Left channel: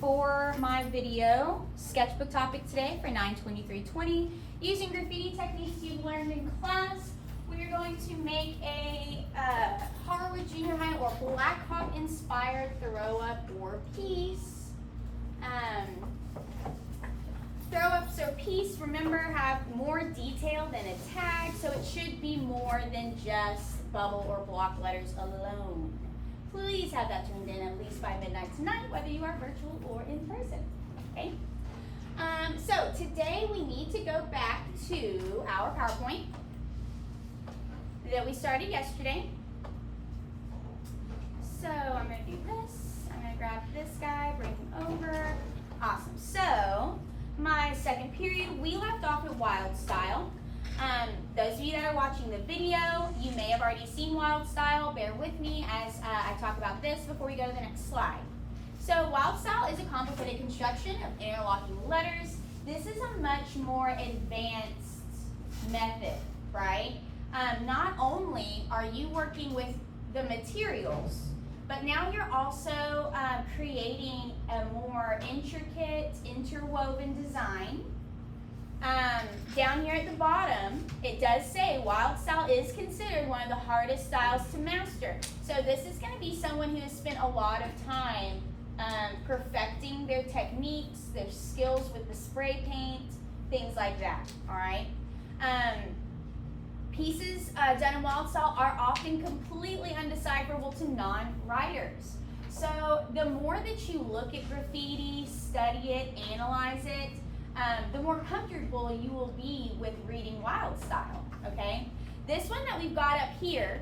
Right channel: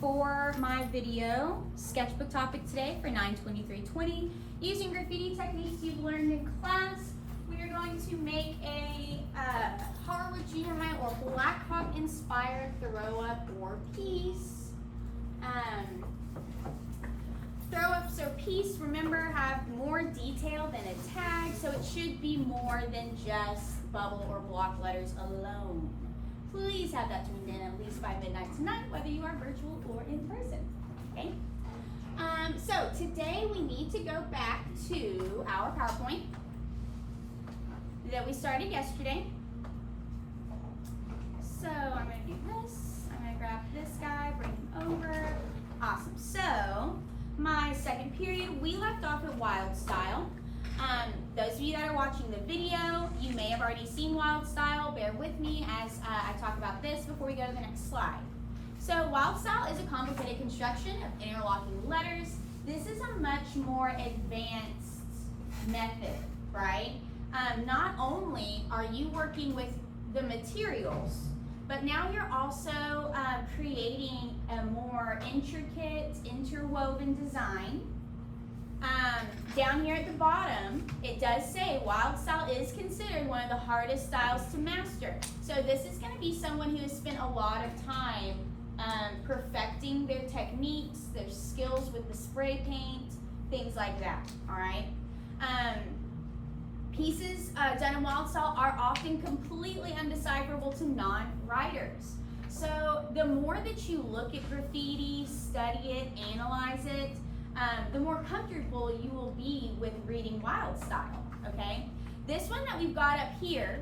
For my video sketchbook topic today for 9/23/20, using graffiti techniques you've learned in class, we are going to make a Harwood Junior High or Black Hawk inspired throw up or piece. Throw ups or piece, remember, have more detail than a tag, so it should be more than just bubble or block letters alone. Please have that turned in at least by midnight tonight, whether you are virtual or in person. Okay? So today we need to go back to our PowerPoint that we started yesterday. So I'm going to do this. I'm going to grab this guy, bring him over. Awesome. So my second period, we left off with wild style. Those of you that are watching the video, you may have already seen wild style. Bear with me as I talk about this before we go to the next slide. So wild style is a complicated construction of interlocking letters. This is a much more advanced method, right? Not only are you working with the materials, but now you're also creating a more intricate, interwoven design. Down here at the bottom, it does say wild style is considered one of the hardest styles to master. So this is going to be someone who has spent a lot of time perfecting their techniques, their skills with the spray paint, things like that, all right? Pieces done in wild style are often completely undecipherable to non-writers. So the more that you look at graffiti, study it, analyze it, the more comfortable you will be with reading wild style, okay? This one that we've got up here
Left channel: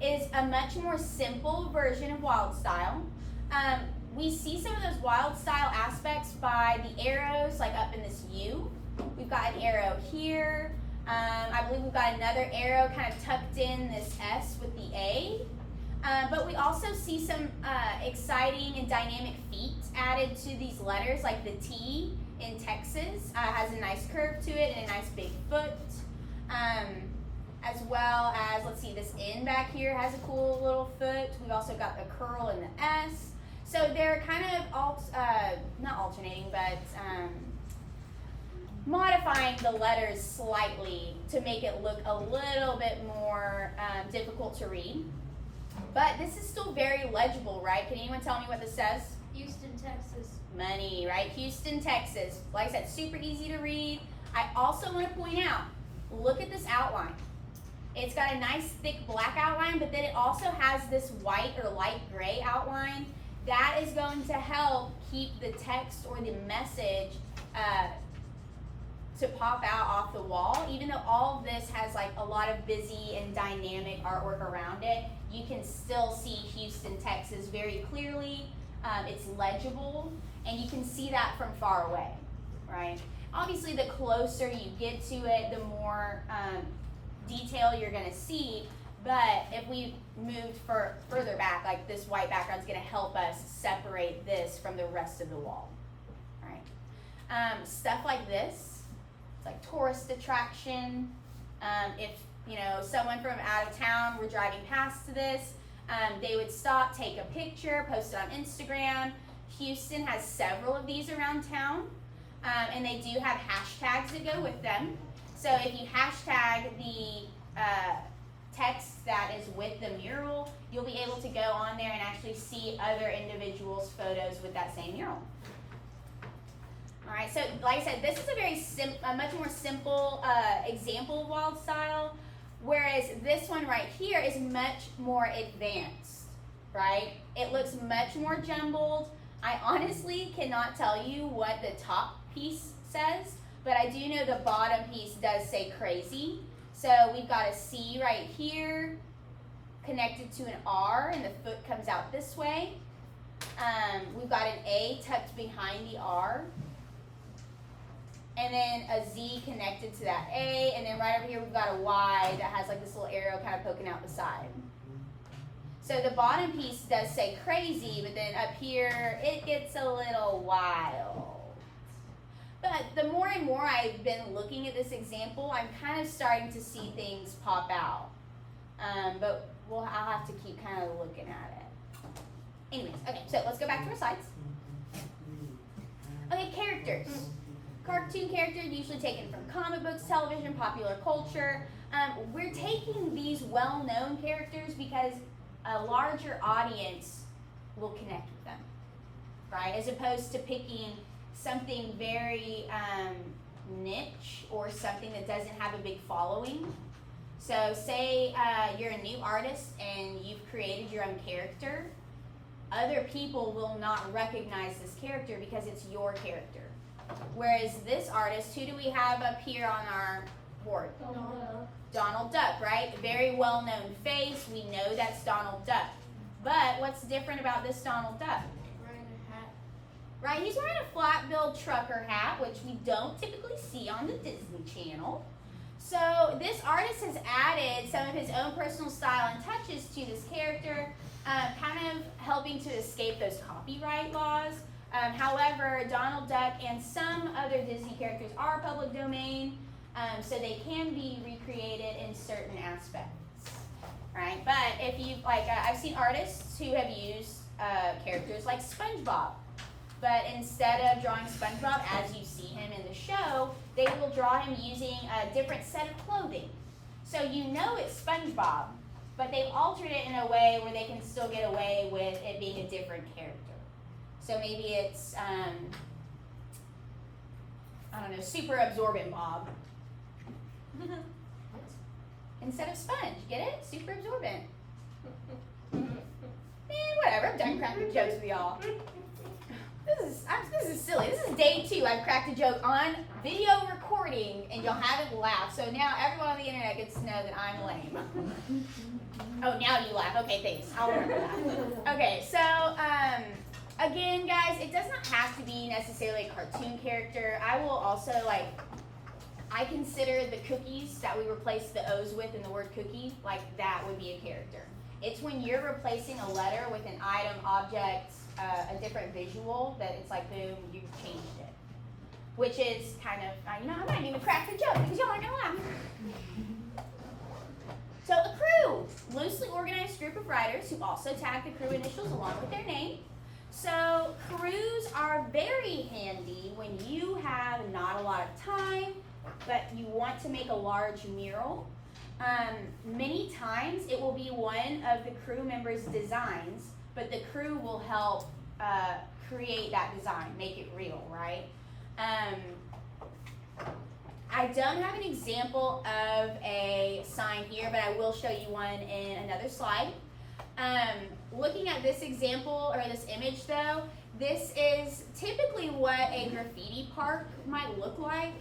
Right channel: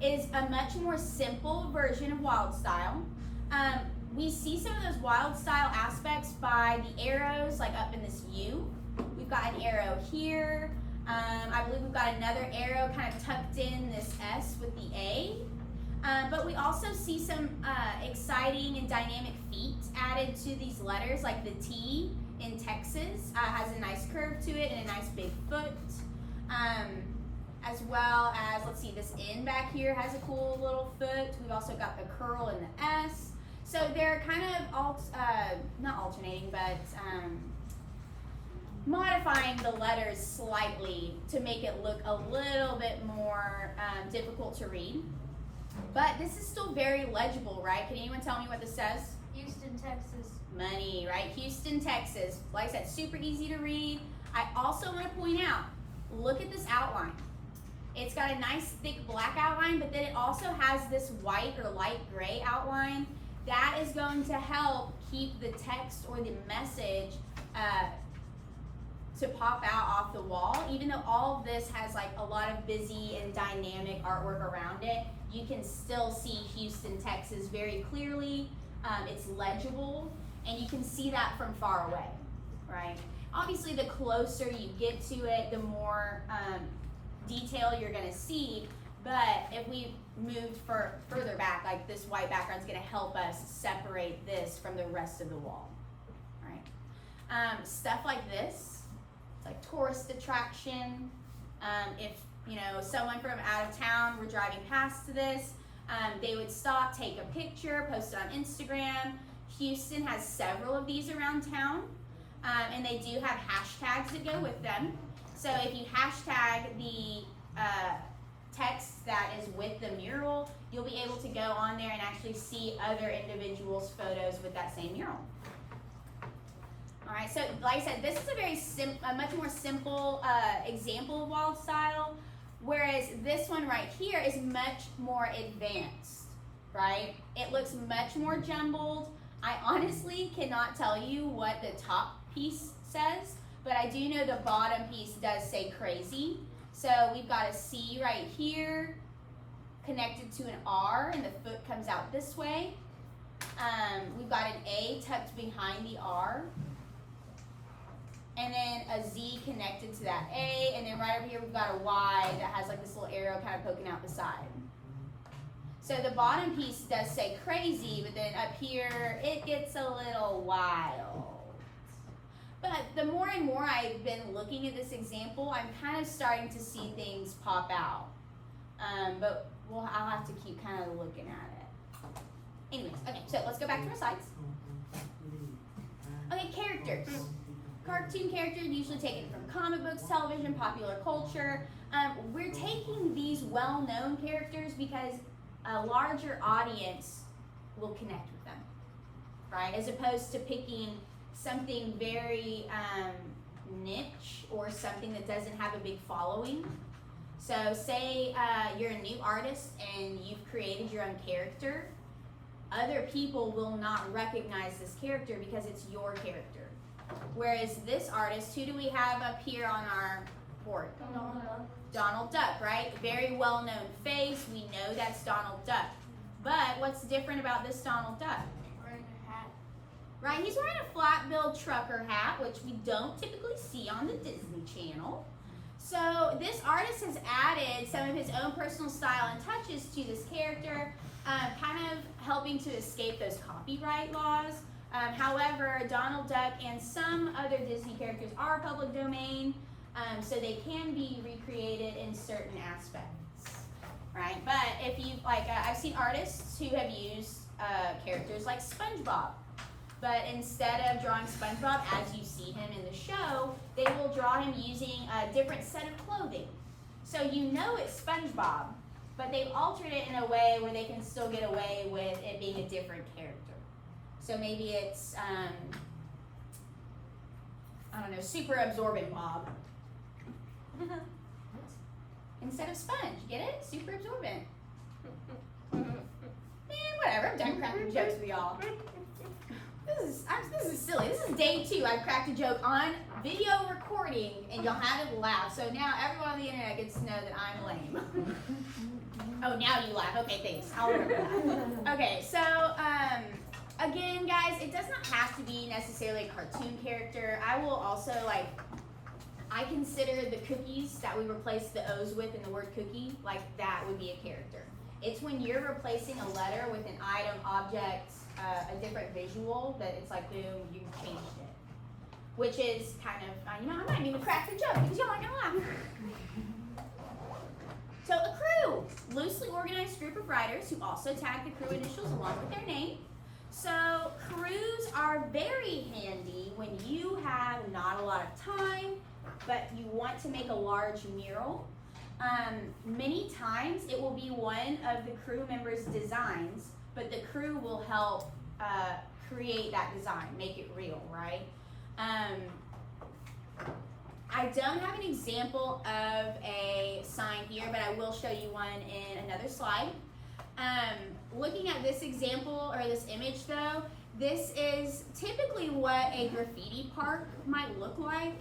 is a much more simple version of wild style. We see some of those wild style aspects by the arrows, like up in this U. We've got an arrow here. I believe we've got another arrow kind of tucked in this S with the A. But we also see some exciting and dynamic feet added to these letters, like the T in Texas has a nice curve to it and a nice big foot. As well as, let's see, this N back here has a cool little foot. We've also got the curl and the S. So they're kind of, not alternating, but modifying the letters slightly to make it look a little bit more difficult to read. But this is still very legible, right? Can anyone tell me what this says? Houston, Texas. Money, right? Houston, Texas. Like I said, super easy to read. I also want to point out, look at this outline. It's got a nice thick black outline, but then it also has this white or light gray outline. That is going to help keep the text or the message to pop out off the wall. Even though all of this has like a lot of busy and dynamic artwork around it, you can still see Houston, Texas very clearly. It's legible, and you can see that from far away, right? Obviously, the closer you get to it, the more detail you're going to see. But if we moved further back, like this white background is going to help us separate this from the rest of the wall, right? Stuff like this, it's like tourist attraction. If someone from out of town were driving past this, they would stop, take a picture, post it on Instagram. Houston has several of these around town, and they do have hashtags that go with them. So if you hashtag the text that is with the mural, you'll be able to go on there and actually see other individuals' photos with that same mural. All right, so like I said, this is a much more simple example of wild style, whereas this one right here is much more advanced, right? It looks much more jumbled. I honestly cannot tell you what the top piece says, but I do know the bottom piece does say crazy. So we've got a C right here connected to an R, and the foot comes out this way. We've got an A tucked behind the R, and then a Z connected to that A, and then right over here we've got a Y that has like this little arrow kind of poking out the side. So the bottom piece does say crazy, but then up here it gets a little wild. But the more and more I've been looking at this example, I'm kind of starting to see things pop out. But I'll have to keep kind of looking at it. Anyways, okay, So let's go back to our slides. Okay, characters. Cartoon characters usually taken from comic books, television, popular culture. We're taking these well-known characters because a larger audience will connect with them, right? As opposed to picking something very niche or something that doesn't have a big following. So say you're a new artist and you've created your own character. Other people will not recognize this character because it's your character. Whereas this artist, who do we have up here on our board? Donald Duck, right? Very well-known face. We know that's Donald Duck. But what's different about this Donald Duck? Wearing a hat. Right, he's wearing a flat-billed trucker hat, which we don't typically see on the Disney Channel. So this artist has added some of his own personal style and touches to this character, kind of helping to escape those copyright laws. However, Donald Duck and some other Disney characters are public domain, so they can be recreated in certain aspects, right? But if you, I've seen artists who have used characters like SpongeBob, but instead of drawing SpongeBob as you see him in the show, they will draw him using a different set of clothing. So you know it's SpongeBob, but they've altered it in a way where they can still get away with it being a different character. So maybe it's, I don't know, super absorbent Bob. Instead of sponge, get it? Super absorbent. Whatever, I'm done cracking jokes with y'all. This is silly. This is day 2. I've cracked a joke on video recording and y'all haven't laughed. So now everyone on the internet gets to know that I'm lame. Oh, now you laugh. Okay, thanks. I'll remember that. Okay, so, again, guys, it does not have to be necessarily a cartoon character. I will also, I consider the cookies that we replace the O's with in the word cookie, that would be a character. It's when you're replacing a letter with an item, object, a different visual, that it's like, boom, you changed it. Which is kind of, I'm not even cracking the joke because y'all aren't gonna laugh. So a crew, loosely organized group of writers who also tag the crew initials along with their name. So crews are very handy when you have not a lot of time, but you want to make a large mural. Many times it will be one of the crew members' designs, but the crew will help create that design, make it real, right? I don't have an example of a sign here, but I will show you one in another slide. Looking at this example, or this image though, this is typically what a graffiti park might look like.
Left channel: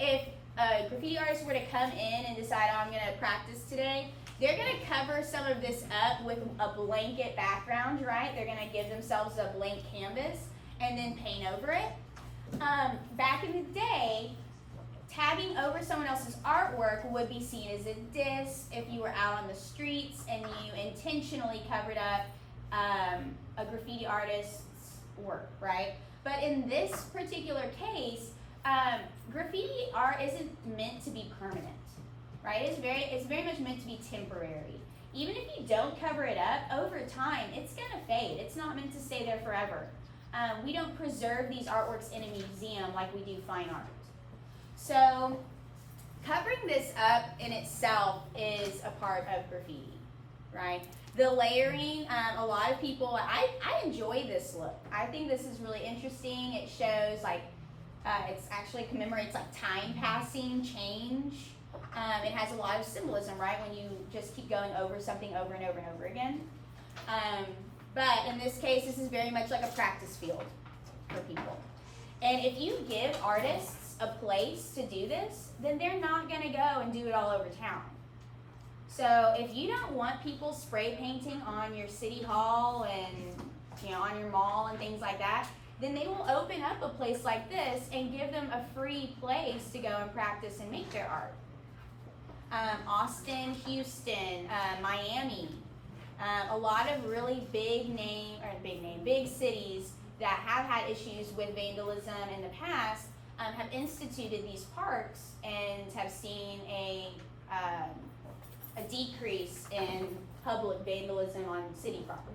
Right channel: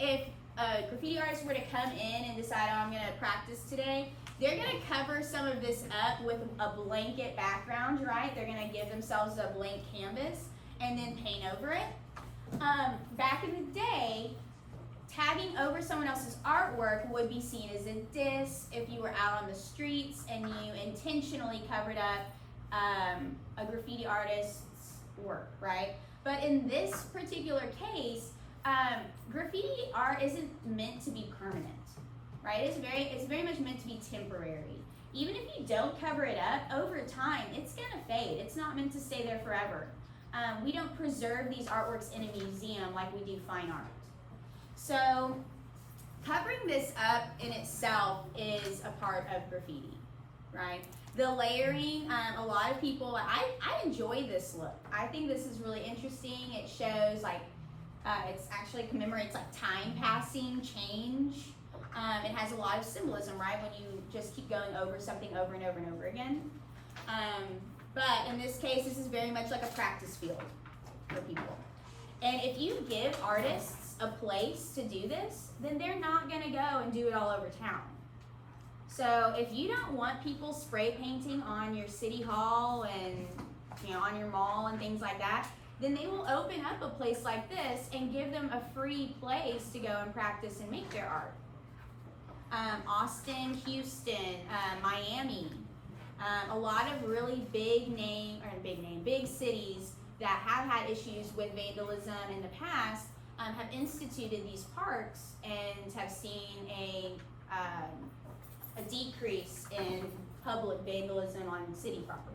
If a graffiti artist were to come in and decide, oh, I'm going to practice today, they're going to cover some of this up with a blanket background, right? They're going to give themselves a blank canvas and then paint over it. Back in the day, tagging over someone else's artwork would be seen as a diss if you were out on the streets and you intentionally covered up a graffiti artist's work, right? But in this particular case, graffiti art isn't meant to be permanent, right? It's very much meant to be temporary. Even if you don't cover it up, over time, it's gonna fade. It's not meant to stay there forever. We don't preserve these artworks in a museum like we do fine art. So, covering this up in itself is a part of graffiti, right? The layering, a lot of people, I enjoy this look. I think this is really interesting. It shows it's actually commemorates time passing, change. It has a lot of symbolism, right? When you just keep going over something over and over and over again. But in this case, this is very much like a practice field for people. And if you give artists a place to do this, then they're not gonna go and do it all over town. So if you don't want people spray painting on your city hall and on your mall and things like that, then they will open up a place like this and give them a free place to go and practice and make their art. Austin, Houston, Miami, a lot of really big cities that have had issues with vandalism in the past have instituted these parks and have seen a decrease in public vandalism on city property.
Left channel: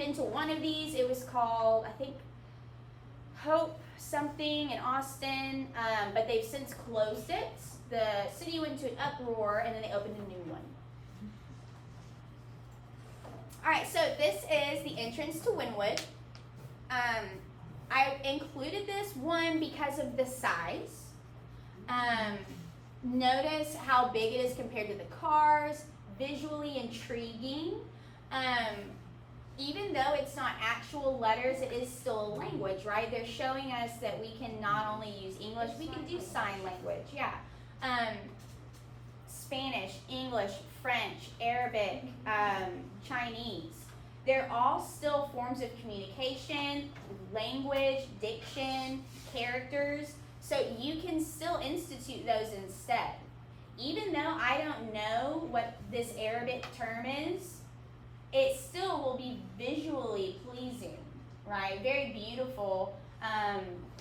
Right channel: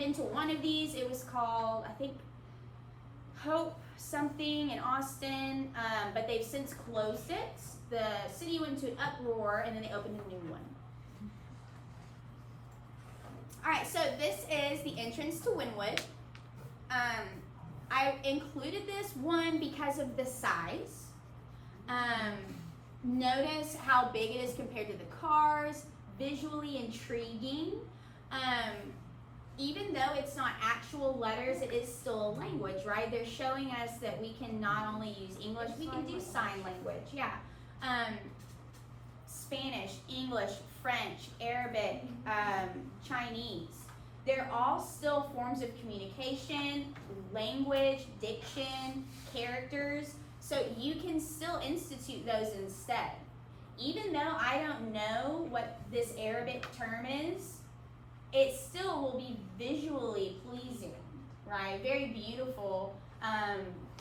been to one of these. It was called, I think, Hope something in Austin, but they've since closed it. The city went into an uproar, and then they opened a new one. All right, so this is the entrance to Wynwood. I included this one because of the size. Notice how big it is compared to the cars. Visually intriguing. Even though it's not actual letters, it is still a language, right? They're showing us that we can not only use English, we can do sign language, yeah. Spanish, English, French, Arabic, Chinese. They're all still forms of communication, language, diction, characters, so you can still institute those instead. Even though I don't know what this Arabic term is, it still will be visually pleasing, right? Very beautiful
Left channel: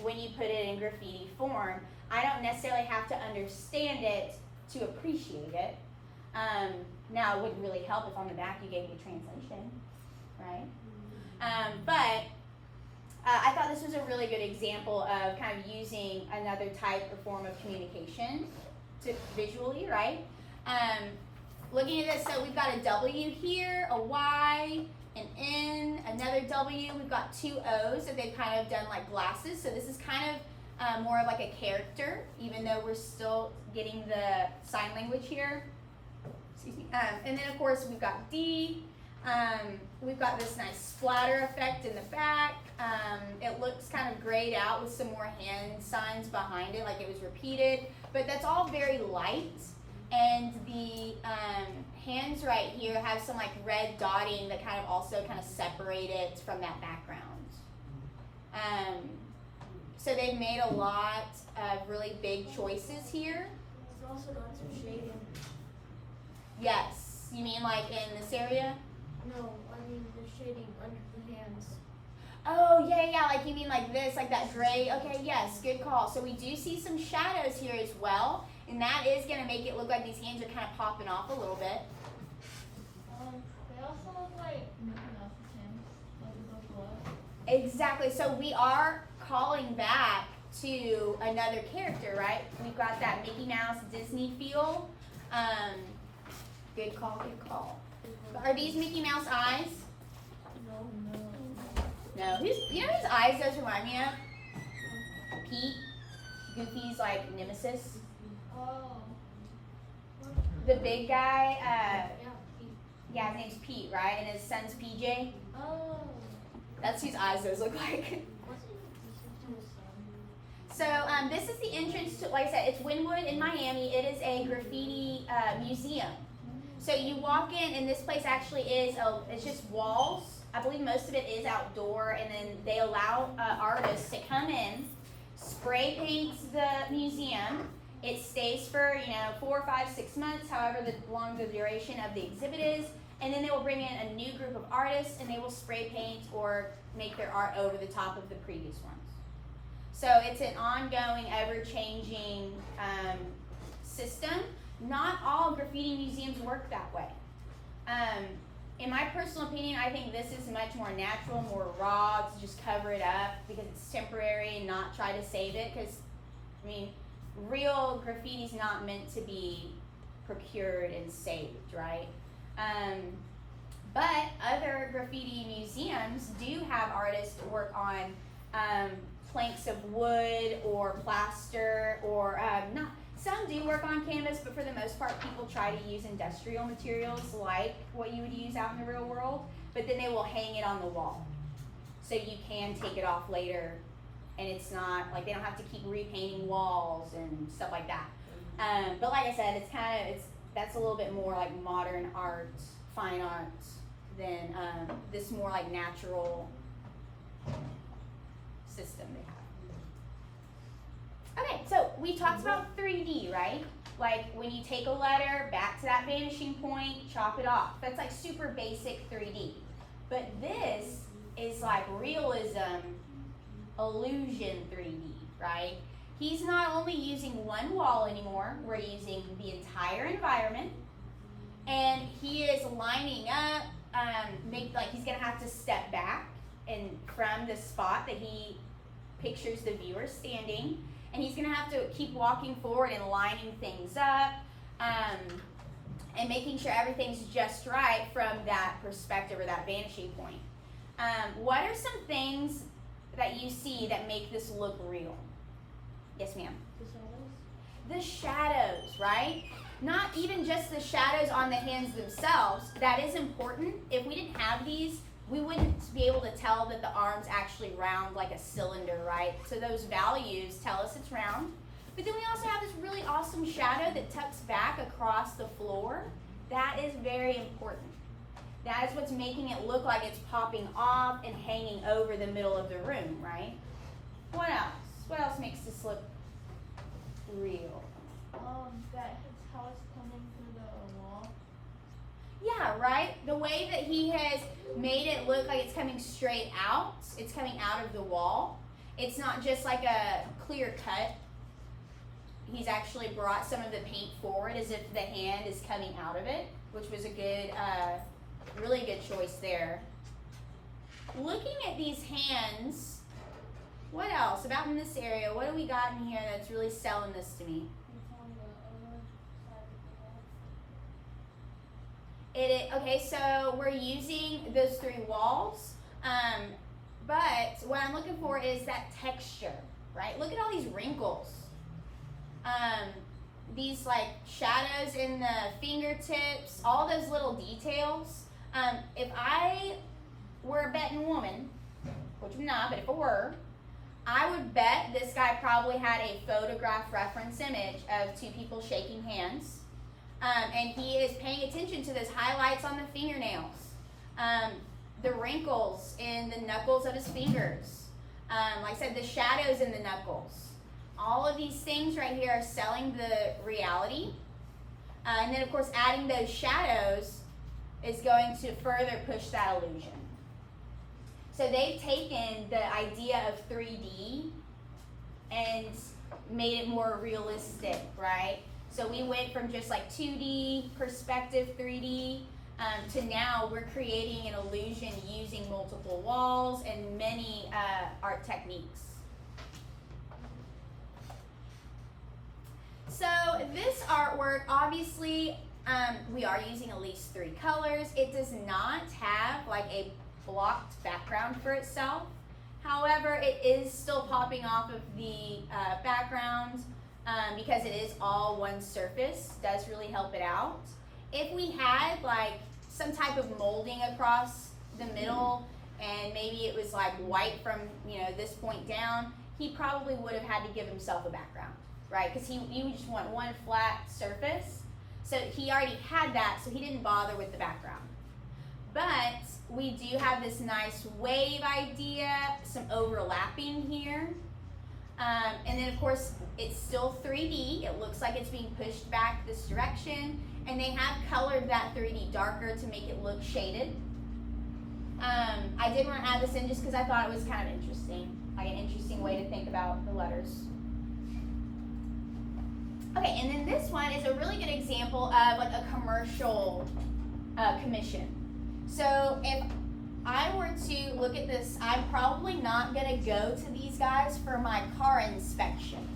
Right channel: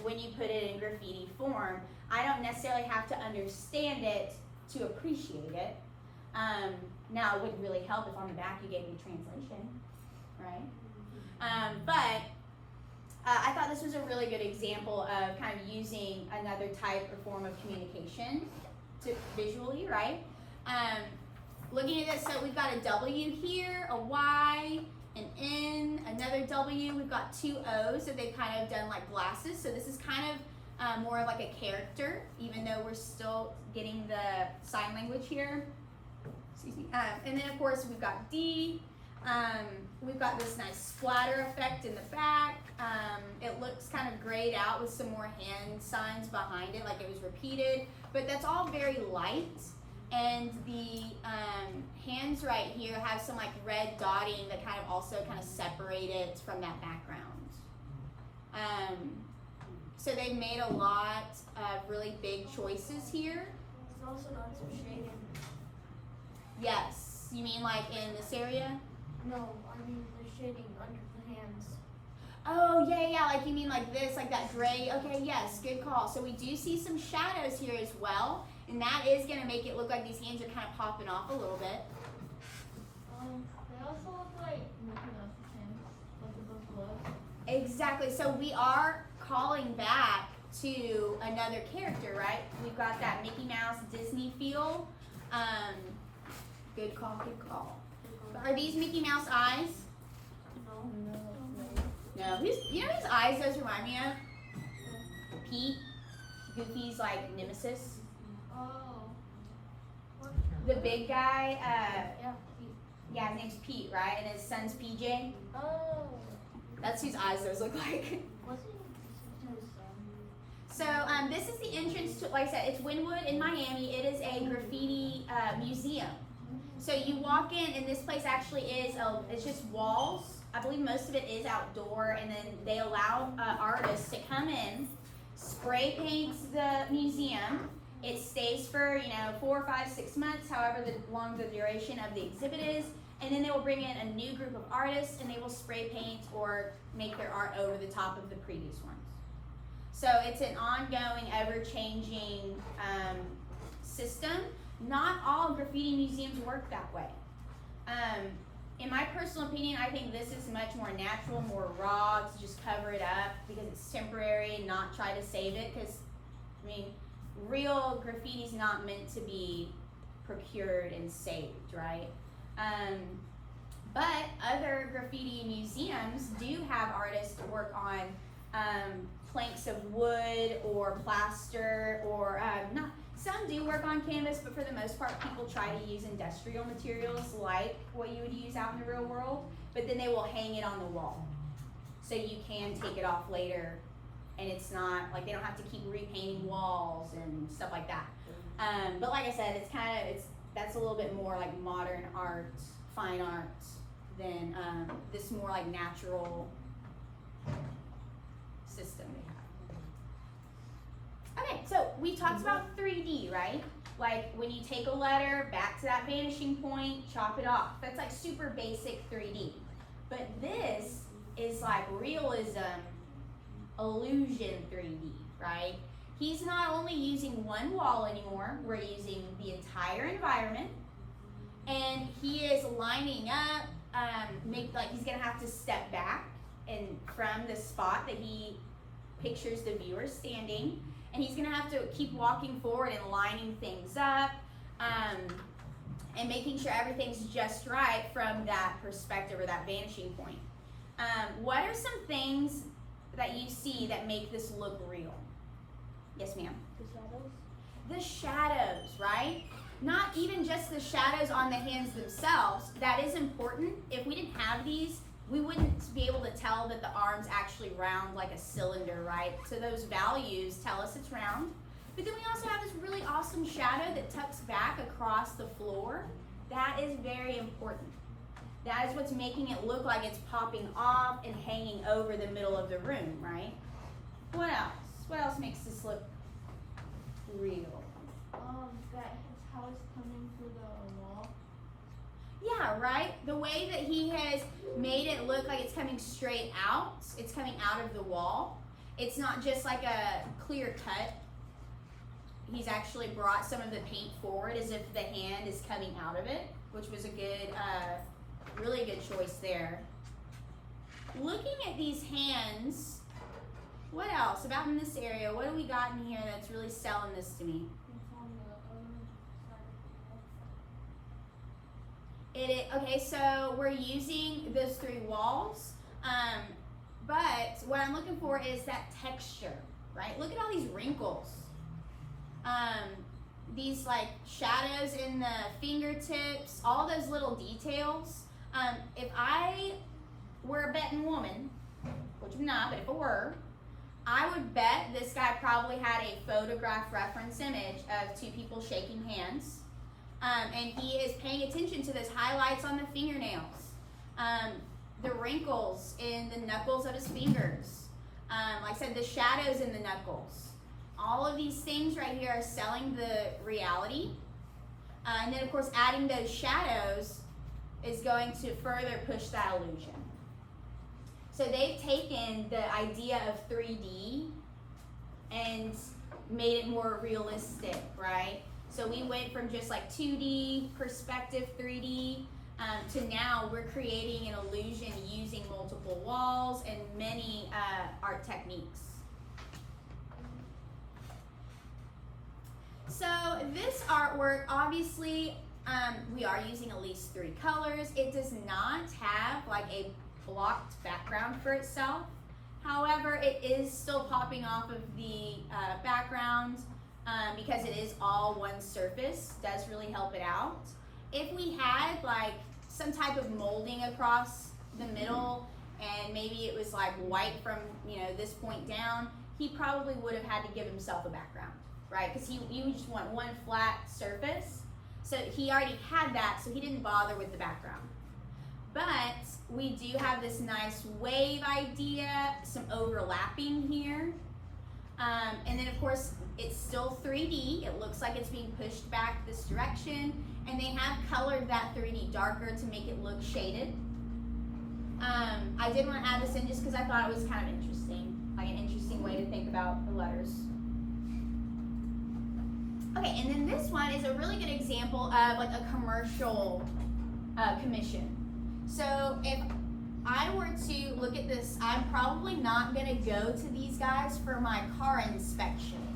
when you put it in graffiti form. I don't necessarily have to understand it to appreciate it. Now, it wouldn't really help if on the back you gave me a translation, right? But I thought this was a really good example of kind of using another type or form of communication to visually, right? Looking at this, so we've got a W here, a Y, an N, another W. We've got two O's, so they've kind of done like glasses. So this is kind of more of like a character, even though we're still getting the sign language here. Excuse me. And then of course we've got D. We've got this nice splatter effect in the back. It looks kind of grayed out with some more hand signs behind it, like it was repeated. But that's all very light. And the hands right here have some like red dotting that kind of also kind of separate it from that background. So they made a lot of really big choices here. It's also got some shading. Yes. You mean like in this area? No, I mean the shading under the hands. Oh, yeah, like you mean like this, like that gray. Okay, yes, good call. So we do see some shadows here as well. And that is going to make it look like these hands are kind of popping off a little bit. They also look like Mickey Mouse's hands, like above below. Exactly. So we are calling back to another character, right? We've got that Mickey Mouse Disney feel. Good call, good call. Are these Mickey Mouse eyes? No. No. You know whose eyes those remind me of? Pete. Goofy's like nemesis. Oh. The big guy, Yeah, Pete. yeah, his name's Pete, right? And his son's PJ. Oh. That's whose eyes those look like. What's it to his son? So this is the entrance to, like I said, it's Wynwood in Miami. It is a graffiti museum. So you walk in, and this place actually is, it's just walls. I believe most of it is outdoor, and then they allow artists to come in, spray paint the museum. It stays for, 4, 5, 6 months, however long the duration of the exhibit is. And then they will bring in a new group of artists, and they will spray paint or make their art over the top of the previous ones. So it's an ongoing, ever-changing system. Not all graffiti museums work that way. In my personal opinion, I think this is much more natural, more raw, to just cover it up because it's temporary and not try to save it. Because, real graffiti is not meant to be procured and saved, right? But other graffiti museums do have artists work on planks of wood or plaster or not. Some do work on canvas, but for the most part, people try to use industrial materials like what you would use out in the real world, but then they will hang it on the wall. So you can take it off later, and it's not, like they don't have to keep repainting walls and stuff like that. But like I said, that's a little bit more like modern art, fine art, than this more like natural system. Okay, so we talked about 3D, right? Like when you take a letter back to that vanishing point, chop it off. That's like super basic 3D. But this is like realism, illusion 3D, right? He's not only using one wall anymore, we're using the entire environment. And he is lining up make, like, he's gonna have to step back and from the spot that he pictures the viewer standing, and he's gonna have to keep walking forward and lining things up, and making sure everything's just right from that perspective or that vantage point. What are some things that you see that make this look real? Yes, ma'am. The shadows. The shadows, right? Not even just the shadows on the hands themselves. That is important. If we didn't have these, we wouldn't be able to tell that the arm's actually round like a cylinder, right? So those values tell us it's round. But then we also have this really awesome shadow that tucks back across the floor. That is very important. That is what's making it look like it's popping off and hanging over the middle of the room, right? What else? What else makes this look real? That it's how it's coming through the wall. Yeah, right? The way that he has made it look like it's coming straight out. It's coming out of the wall. It's not just like a clear cut. He's actually brought some of the paint forward as if the hand is coming out of it, which was a good, really good choice there. Looking at these hands, what else about in this area? What do we got in here that's really selling this to me? It's on the other side of the wall. Okay, so we're using those three walls, but what I'm looking for is that texture, right? Look at all these wrinkles. These like shadows in the fingertips, all those little details. If I were a betting woman, which I'm not, but if I were, I would bet this guy probably had a photograph reference image of two people shaking hands. And he is paying attention to those highlights on the fingernails, the wrinkles in the knuckles of his fingers, like I said, the shadows in the knuckles. All of these things right here are selling the reality. And then, of course, adding those shadows is going to further push that illusion. So they've taken the idea of 3D and made it more realistic, right? So we went from just like 2D, perspective 3D, to now we're creating an illusion using multiple walls and many art techniques. So this artwork, obviously, we are using at least 3 colors. It does not have like a blocked background for itself. However, it is still popping off of the background because it is all one surface. Does really help it out. If we had like some type of molding across the middle and maybe it was like white from this point down, he probably would have had to give himself a background, right? Because you just want one flat surface. So he already had that, so he didn't bother with the background. But we do have this nice wave idea, some overlapping here. And then of course, it's still 3D. It looks like it's being pushed back this direction. And they have colored that 3D darker to make it look shaded. I did want to add this in just because I thought it was kind of interesting, like an interesting way to think about the letters. Okay, and then this one is a really good example of like a commercial commission. So if I were to look at this, I'm probably not going to go to these guys for my car inspection,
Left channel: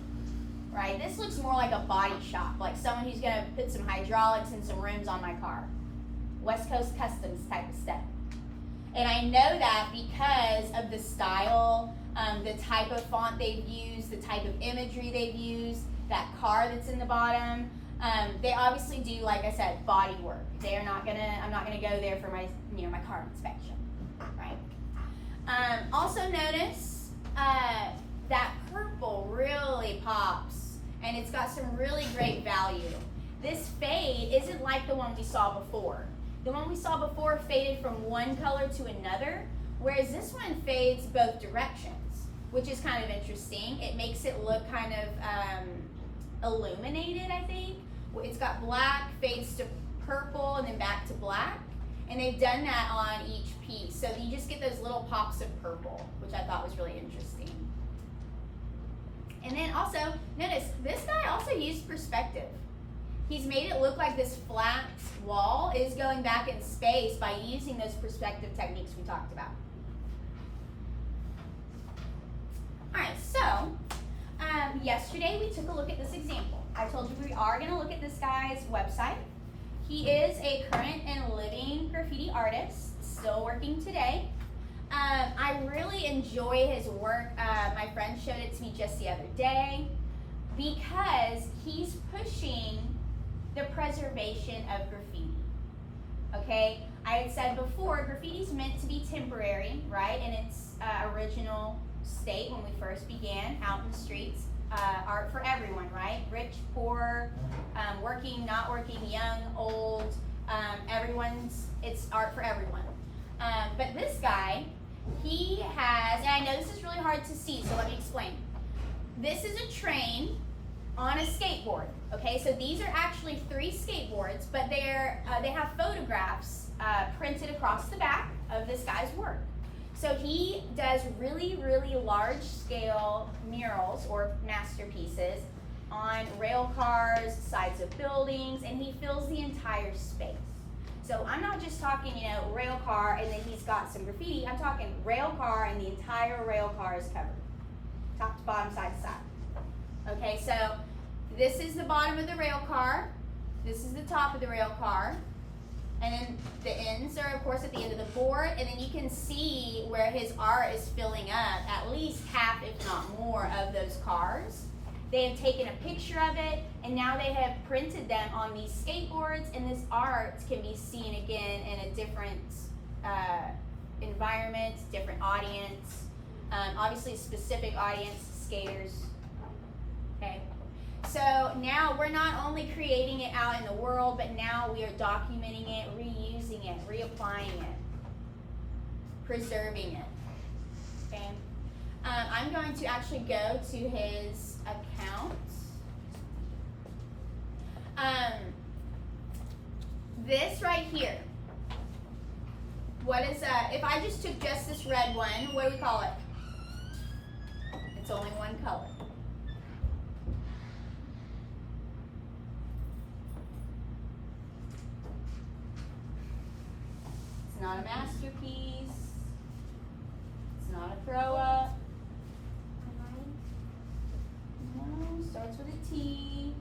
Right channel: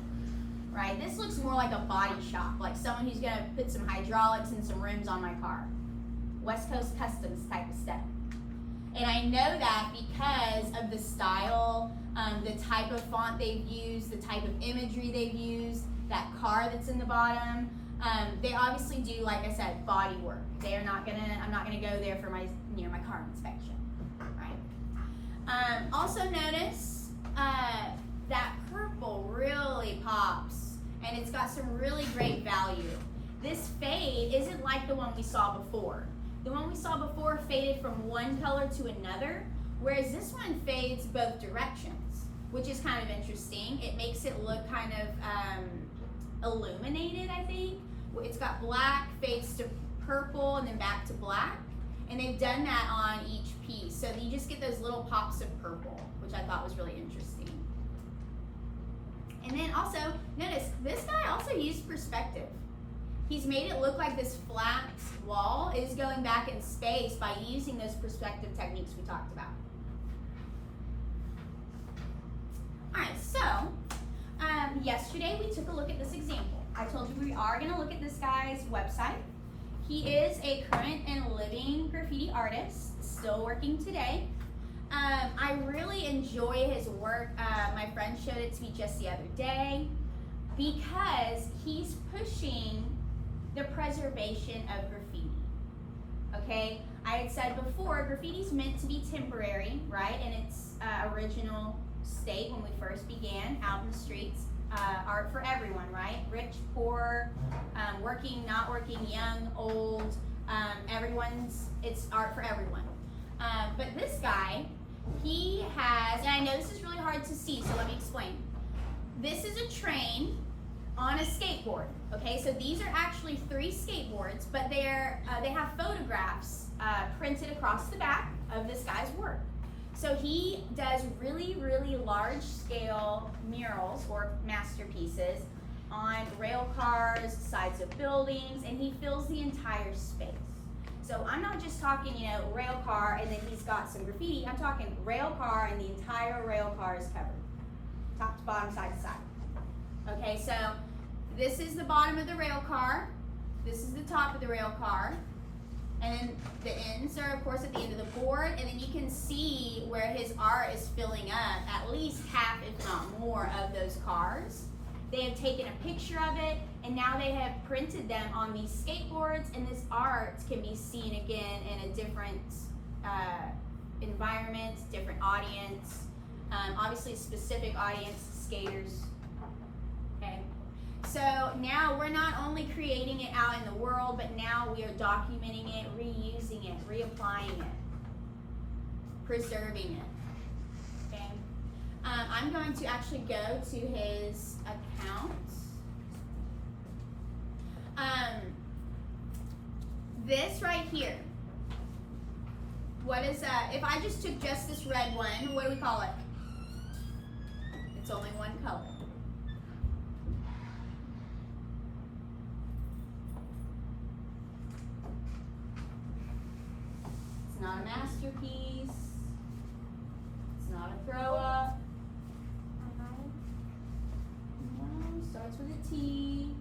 right? This looks more like a body shop, like someone who's going to put some hydraulics and some rims on my car. West Coast Customs type of stuff. And I know that because of the style, the type of font they've used, the type of imagery they've used, that car that's in the bottom. They obviously do, like I said, body work. I'm not gonna go there for my my car inspection, right? Also notice that purple really pops, and it's got some really great value. This fade isn't like the one we saw before. The one we saw before faded from one color to another, whereas this one fades both directions, which is kind of interesting. It makes it look kind of illuminated, I think. It's got black, fades to purple, and then back to black. And they've done that on each piece. So you just get those little pops of purple, which I thought was really interesting. And then also, notice, this guy also used perspective. He's made it look like this flat wall is going back in space by using those perspective techniques we talked about. Alright, so yesterday we took a look at this example. I told you we are going to look at this guy's website. He is a current and living graffiti artist, still working today. I really enjoy his work. My friend showed it to me just the other day because he's pushing the preservation of graffiti. Okay, I had said before, graffiti's meant to be temporary, right? In its original state when we first began out in the streets. Art for everyone, right? Rich, poor, working, not working, young, old, it's art for everyone. But this guy, he has, and I know this is really hard to see, so let me explain. This is a train on a skateboard, okay? So these are actually 3 skateboards, but they have photographs printed across the back of this guy's work. So he does really, really large scale murals or masterpieces on rail cars, sides of buildings, and he fills the entire space. So I'm not just talking, rail car and then he's got some graffiti. I'm talking rail car and the entire rail car is covered. Top to bottom, side to side. Okay, so this is the bottom of the rail car. This is the top of the rail car. And then the ends are, of course, at the end of the board. And then you can see where his art is filling up at least half, if not more, of those cars. They have taken a picture of it, and now they have printed them on these skateboards, and this art can be seen again in a different environment, different audience. Obviously, a specific audience, skaters. Okay. So now we're not only creating it out in the world, but now we are documenting it, reusing it, reapplying it, preserving it. Okay. I'm going to actually go to his account. This right here. What is if I just took just this red one, what do we call it? It's only one color. It's not a masterpiece. It's not a throw up. No, starts with a T.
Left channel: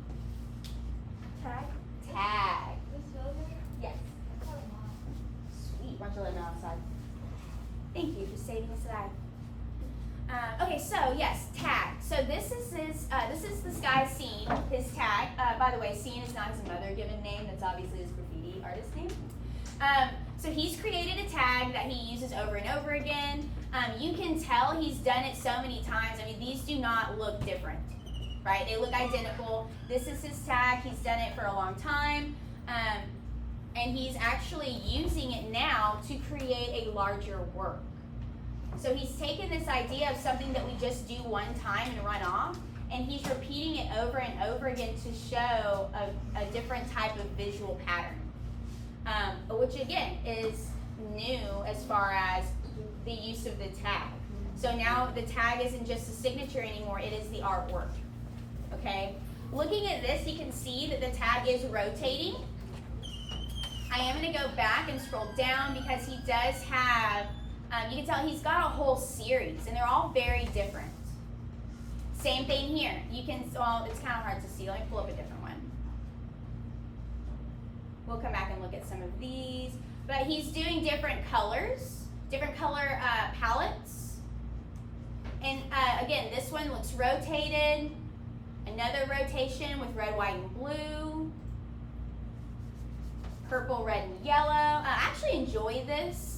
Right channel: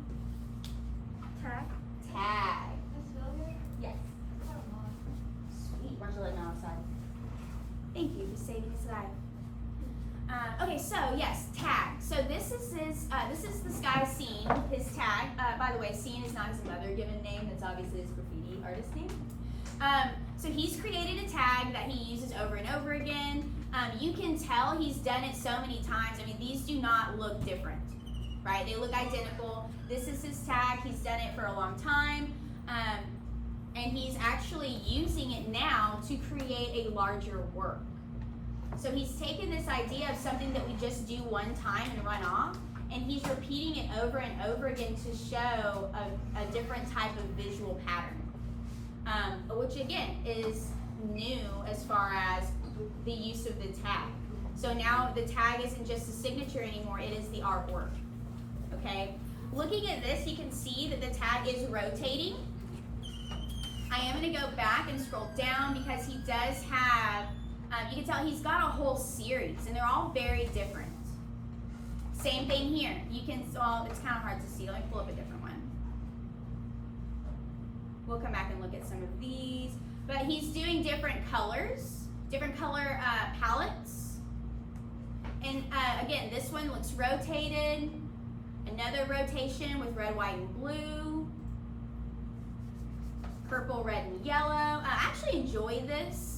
Tag. Tag. This silver? Yes. Sweet. Why don't you let me know outside? Thank you for saving us life. Okay, so yes, tag. So this is this guy's scene, his tag. By the way, scene is not his mother given name. That's obviously his graffiti artist name. So he's created a tag that he uses over and over again. You can tell he's done it so many times. I mean, these do not look different, right? They look identical. This is his tag. He's done it for a long time. And he's actually using it now to create a larger work. So he's taken this idea of something that we just do one time and run off, and he's repeating it over and over again to show a different type of visual pattern, which again is new as far as the use of the tag. So now the tag isn't just a signature anymore, it is the artwork. Okay? Looking at this, you can see that the tag is rotating. I am going to go back and scroll down because he does have, you can tell he's got a whole series, and they're all very different. Same thing here. You can, well, it's kind of hard to see. Let me pull up a different one. We'll come back and look at some of these. But he's doing different colors, different color palettes. And again, this one looks rotated. Another rotation with red, white, and blue. Purple, red, and yellow. I actually enjoy this.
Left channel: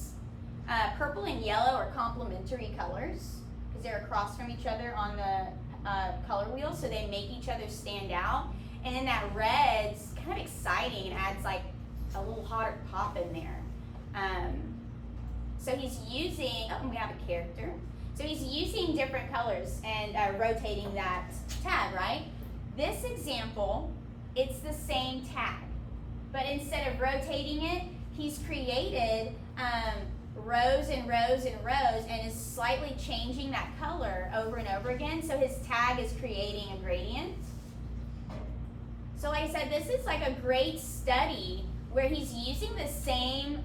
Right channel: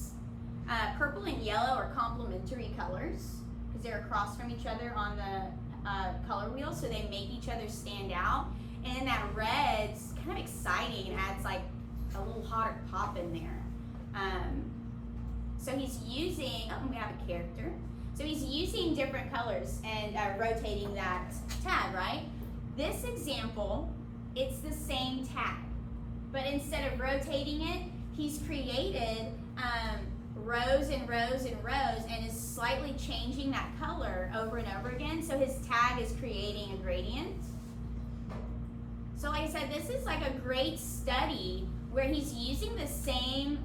Purple and yellow are complementary colors because they're across from each other on the color wheel, so they make each other stand out. And then that red's kind of exciting and adds like a little hotter pop in there. So he's using, oh, we have a character. So he's using different colors and rotating that tag, right? This example, it's the same tag. But instead of rotating it, he's created rows and rows and rows and is slightly changing that color over and over again. So his tag is creating a gradient. So like I said, this is like a great study where he's using the same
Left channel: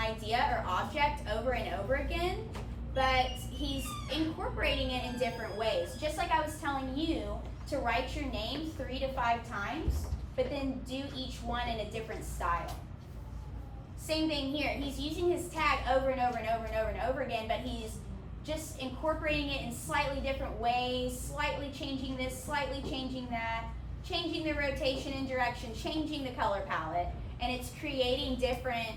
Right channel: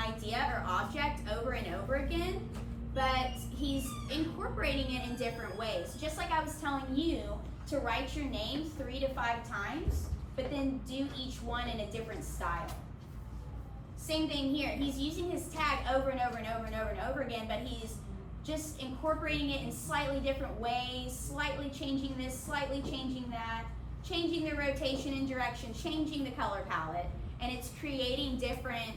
idea or object over and over again, but he's incorporating it in different ways. Just like I was telling you to write your name 3 to 5 times, but then do each one in a different style. Same thing here. He's using his tag over and over and over and over and over again, but he's just incorporating it in slightly different ways, slightly changing this, slightly changing that, changing the rotation and direction, changing the color palette, and it's creating different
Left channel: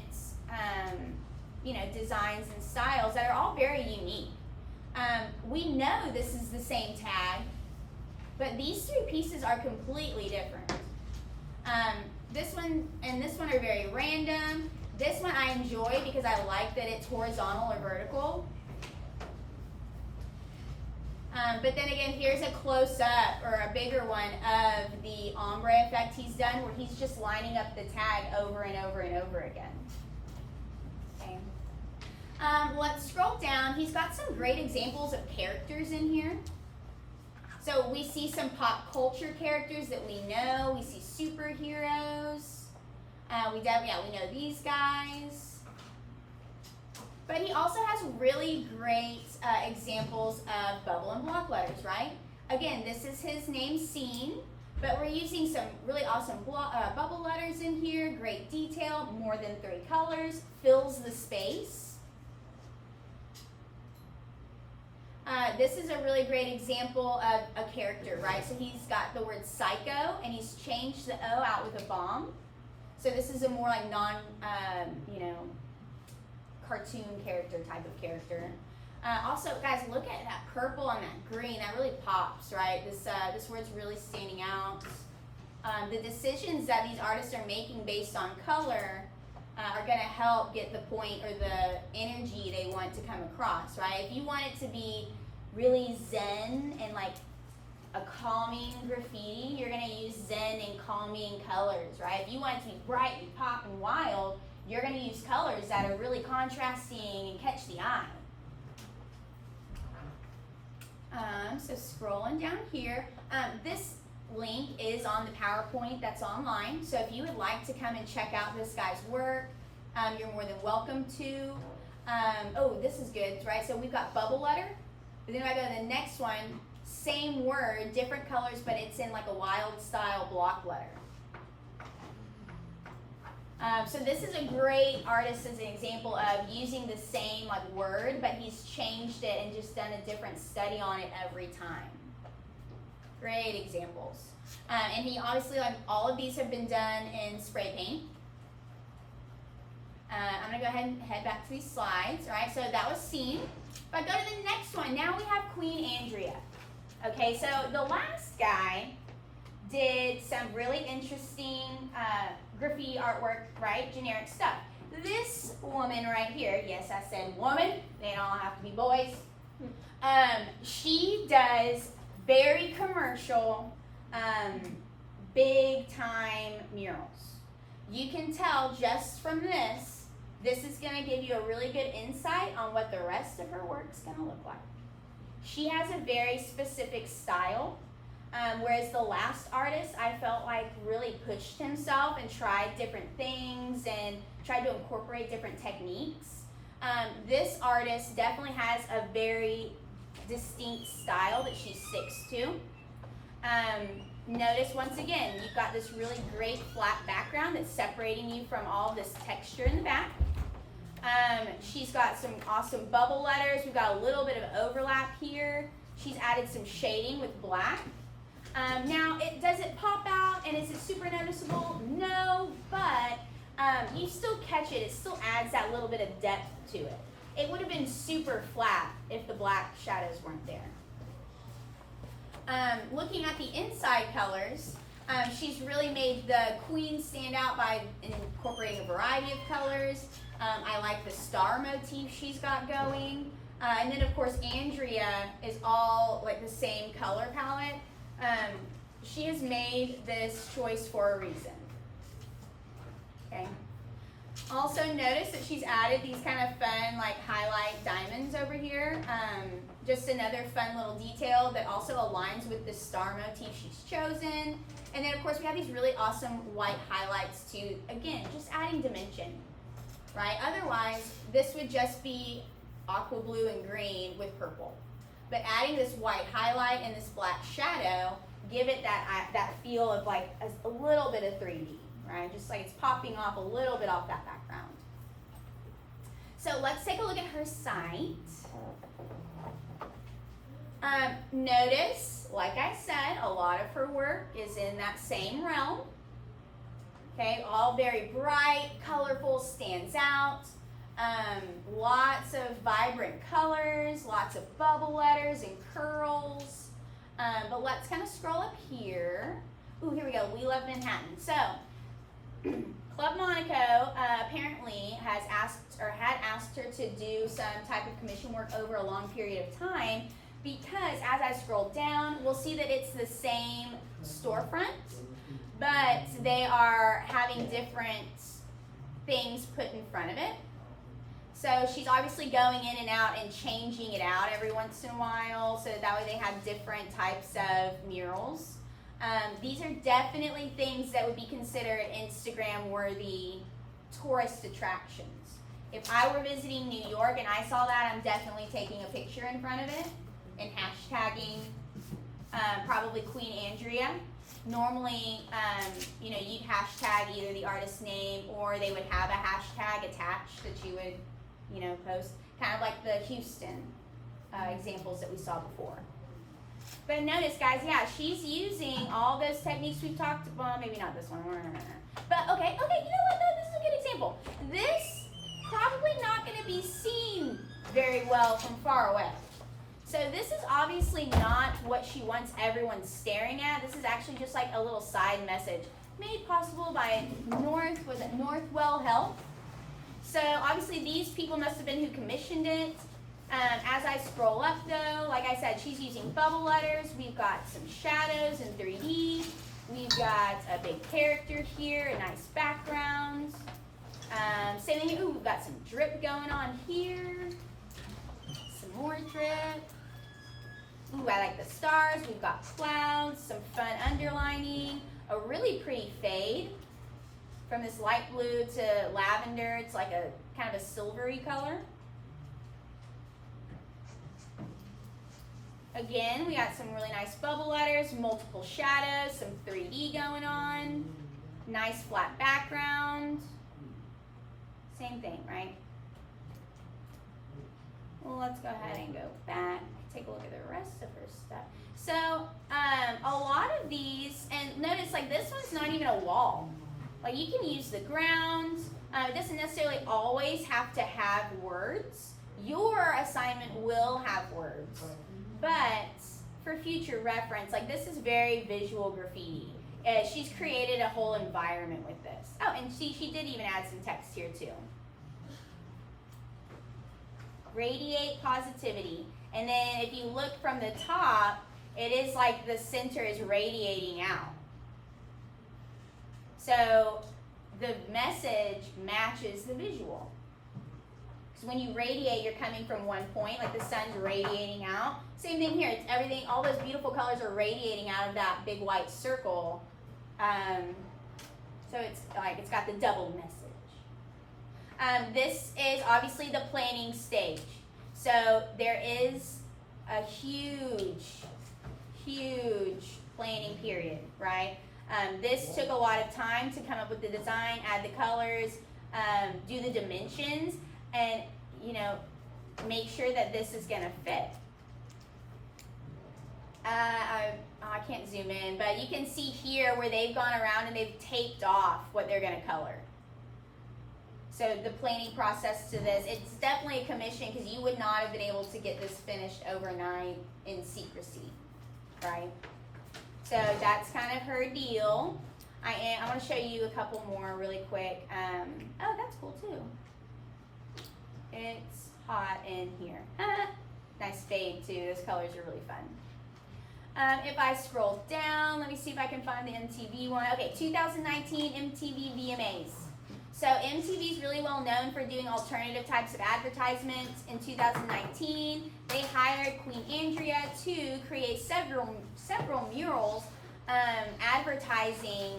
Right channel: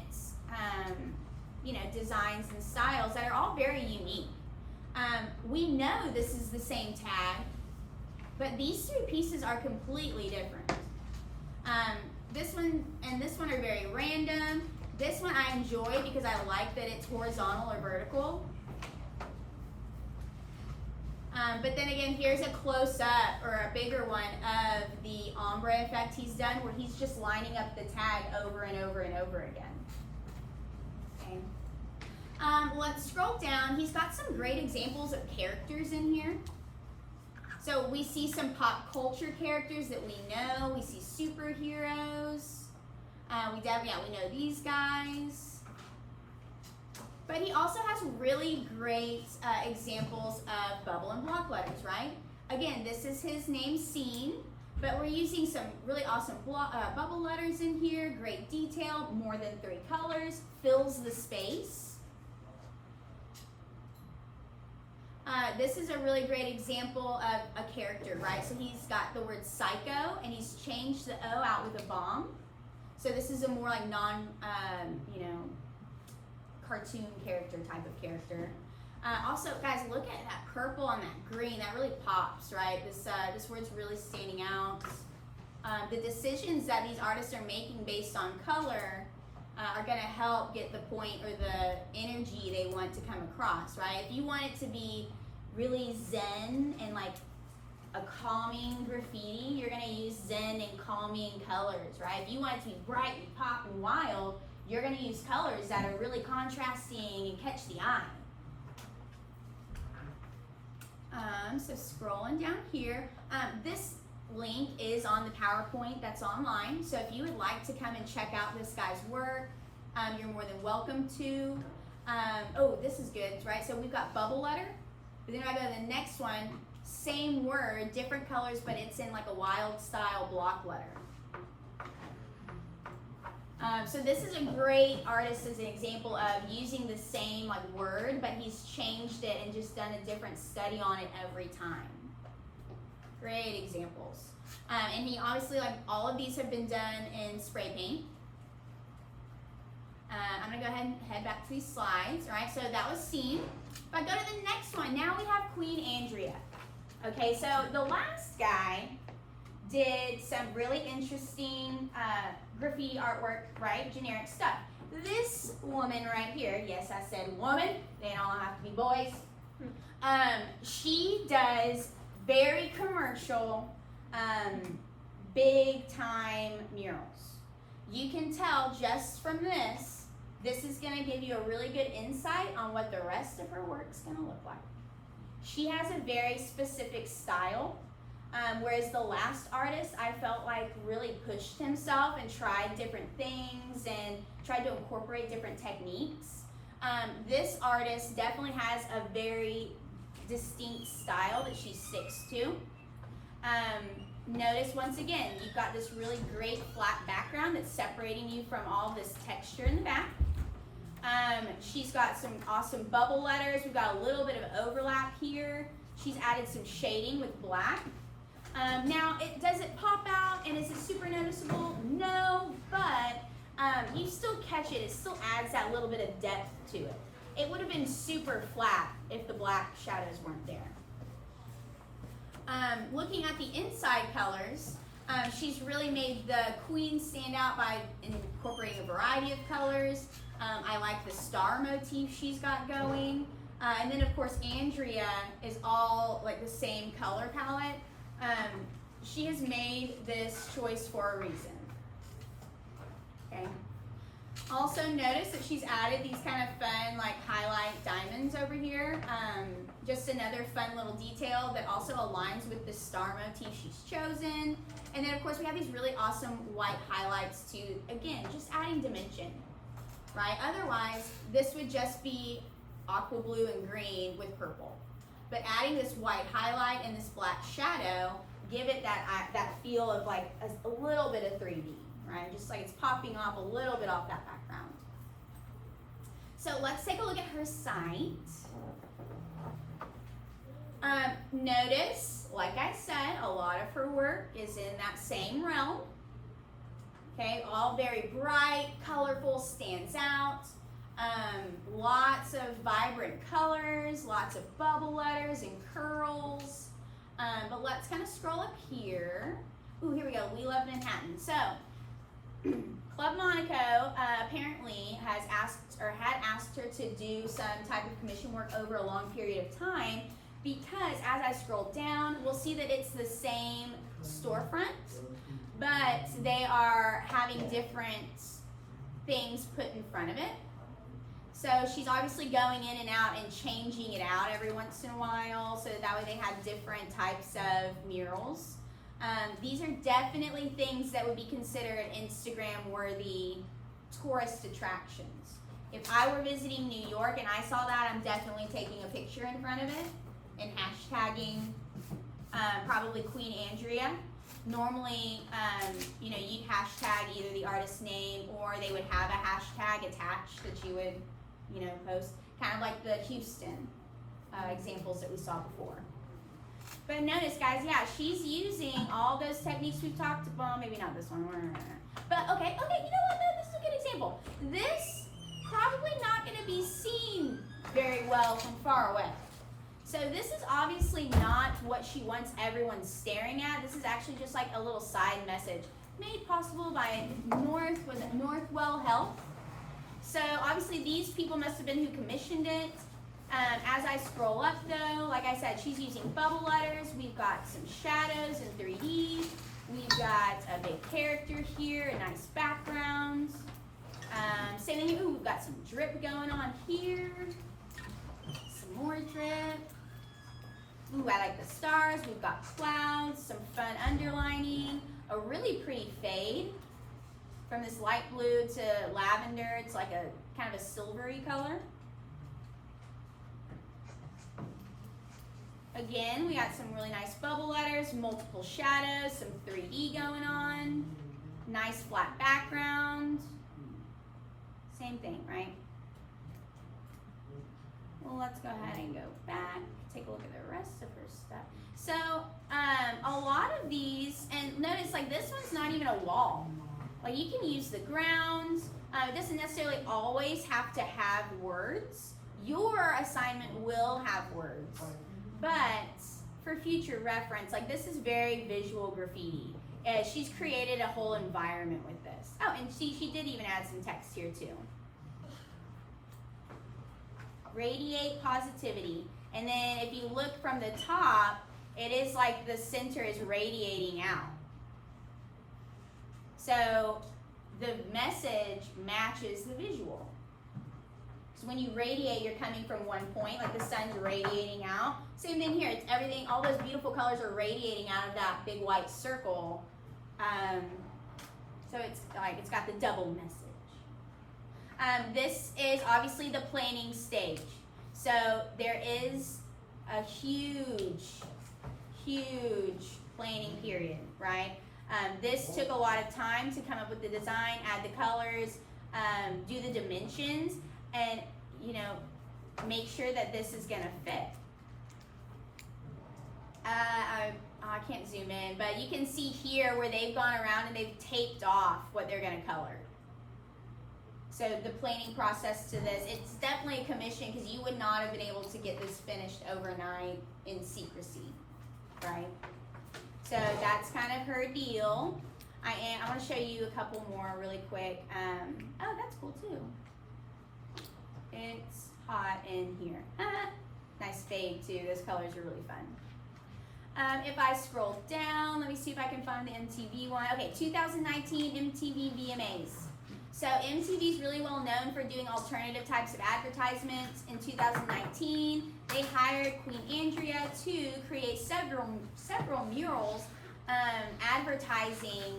designs and styles that are all very unique. We know this is the same tag, but these 3 pieces are completely different. This one and this one are very random. This one I enjoy because I like that it's horizontal or vertical. But then again, here's a close-up or a bigger one of the ombre effect he's done where he's just lining up the tag over and over and over again. Okay. Let's scroll down. He's got some great examples of characters in here. So we see some pop culture characters that we know. We see superheroes. We know these guys. But he also has really great examples of bubble and block letters, right? Again, this is his name, Scene, but we're using some really awesome bubble letters in here, great detail, more than 3 colors, fills the space. This is a really great example of a character, right? So he's got the word psycho, and he's changed the O out with a bomb. So this is a more like cartoon character type of character. Also, guys, look at that purple and that green. That really pops, right? This word's really standing out. The decisions that these artists are making based on color are going to help get the point or the energy they want to come across, right? If you want it to be really zen and like a calming graffiti, you're going to use zen and calming colors, right? If you want it to be bright and pop and wild, you're going to use colors that are really contrasting and catch the eye. So scrolling down here, this link is on the PowerPoint that's online. So if you would like to come and check out this guy's work, you're more than welcome to. Oh, this is good, right? So we've got bubble letter. But then if I go to the next one, same word, different colors, but it's in like a wild style block letter. So this is a great artist as an example of using the same word, but he's changed it and just done a different study on it every time. Great examples. And he obviously, like all of these have been done in spray paint. I'm going to go ahead and head back to these slides. All right, so that was Scene. If I go to the next one, now we have Queen Andrea. Okay, so the last guy did some really interesting graffiti artwork, right? Generic stuff. This woman right here, yes, I said woman, they don't all have to be boys. She does very commercial, big time murals. You can tell just from this is going to give you a really good insight on what the rest of her work's going to look like. She has a very specific style. Whereas the last artist, I felt like really pushed himself and tried different things and tried to incorporate different techniques. This artist definitely has a very distinct style that she sticks to. Notice once again, you've got this really great flat background that's separating you from all this texture in the back. She's got some awesome bubble letters. We've got a little bit of overlap here. She's added some shading with black. Now, does it pop out and is it super noticeable? No, but you still catch it. It still adds that little bit of depth to it. It would have been super flat if the black shadows weren't there. Looking at the inside colors, she's really made the queen stand out by incorporating a variety of colors. I like the star motif she's got going. And then, of course, Andrea is all like the same color palette. She has made this choice for a reason. Okay. Also notice that she's added these kind of fun like highlight diamonds over here. Just another fun little detail that also aligns with the star motif she's chosen. And then of course we have these really awesome white highlights too. Again, just adding dimension, right? Otherwise, this would just be aqua blue and green with purple. But adding this white highlight and this black shadow give it that feel of like a little bit of 3D, right? Just like it's popping off a little bit off that background. So let's take a look at her site. Notice, like I said, a lot of her work is in that same realm. Okay, all very bright, colorful, stands out. Lots of vibrant colors, lots of bubble letters and curls. But let's kind of scroll up here. Ooh, here we go. We love Manhattan. So, Club Monaco apparently had asked her to do some type of commission work over a long period of time, because as I scroll down, we'll see that it's the same storefront, but they are having different things put in front of it. So she's obviously going in and out and changing it out every once in a while, so that way they have different types of murals. These are definitely things that would be considered Instagram-worthy tourist attractions. If I were visiting New York and I saw that, I'm definitely taking a picture in front of it and hashtagging probably Queen Andrea. Normally, you'd hashtag either the artist's name or they would have a hashtag attached that you would, post, kind of like the Houston examples that we saw before. But notice, guys, yeah, she's using all those techniques we've talked about. Maybe not this one. But okay, you know what? No, this is a good example. This probably not going to be seen very well from far away. So this is obviously not what she wants everyone staring at. This is actually just like a little side message made possible by Northwell Health. So obviously these people must have been who commissioned it. As I scroll up though, like I said, she's using bubble letters. We've got some shadows in 3D. We've got a big character here, a nice background. Same thing here. Ooh, we've got some drip going on here. Some more drip. Ooh, I like the stars. We've got clouds, some fun underlining, a really pretty fade from this light blue to lavender. It's like a kind of a silvery color. Again, we got some really nice bubble letters, multiple shadows, some 3D going on, nice flat background. Same thing, right? Well, let's go ahead and go back, take a look at the rest of her stuff. So, a lot of these, and notice like this one's not even a wall. Like you can use the ground. It doesn't necessarily always have to have words. Your assignment will have words. But for future reference, like this is very visual graffiti. She's created a whole environment with this. Oh, and she did even add some text here too. Radiate positivity. And then if you look from the top, it is like the center is radiating out. So the message matches the visual. So when you radiate, you're coming from one point, like the sun's radiating out. Same thing here. It's everything. All those beautiful colors are radiating out of that big white circle. So it's like it's got the double message. This is obviously the planning stage. So there is a huge planning period, right? This took a lot of time to come up with the design, add the colors, do the dimensions, and make sure that this is gonna fit. I can't zoom in, but you can see here where they've gone around and they've taped off what they're gonna color. So the planning process to this, it's definitely a commission because you would not have been able to get this finished overnight in secrecy, right? So that's kind of her deal. I want to show you a couple more really quick. Oh, that's cool too. It's hot in here. Nice fade too. Those colors are really fun. If I scroll down, let me see if I can find the MTV one. Okay, 2019 MTV VMAs. So MTV is really well known for doing alternative types of advertisements. In 2019, they hired Queen Andrea to create several murals advertising